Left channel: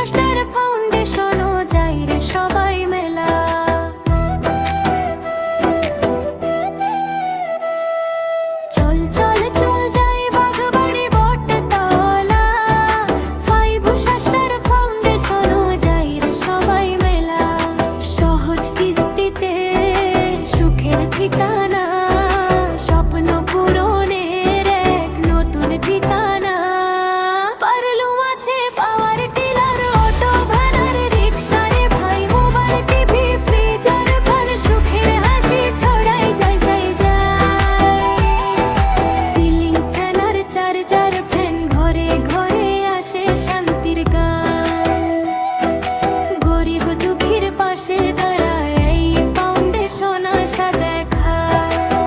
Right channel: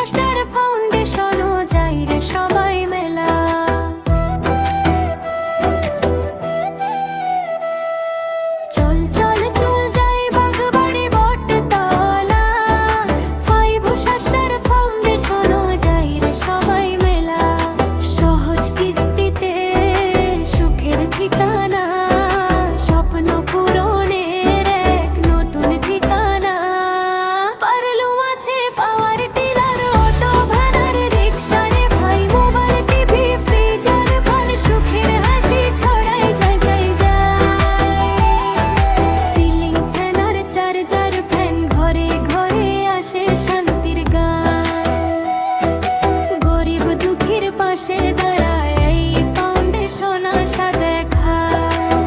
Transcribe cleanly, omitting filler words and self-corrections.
শাস্তার ফাউন্ডেশনও যাই রে সবাই মেলা। চল চল চল যাই বাগবাড়ি বটতলা, ফাইভ শাস্তার ফাউন্ডেশনও যাই রে সবাই মেলা। সহজ কিস্তিতে সুখের ঠিকানা, স্বপ্ন পূরণের এক নতুন ঠিকানা। পারলুম আছে পাওয়ার টিলার, অটো ভ্যান আর রিক্সা রে ভাই, মোবাইল টিভি ফ্রিজ আর ফ্যান, সুখের হাসি ছড়াই যাই যাই যাই। সিলিং ফ্যান আর চার্জার ফ্যান, ঘরে ঘরে আসে শান্তির গান। গরিব দুঃখীর পাশে দাঁড়ায় এই ফাউন্ডেশন আশা দেখায়।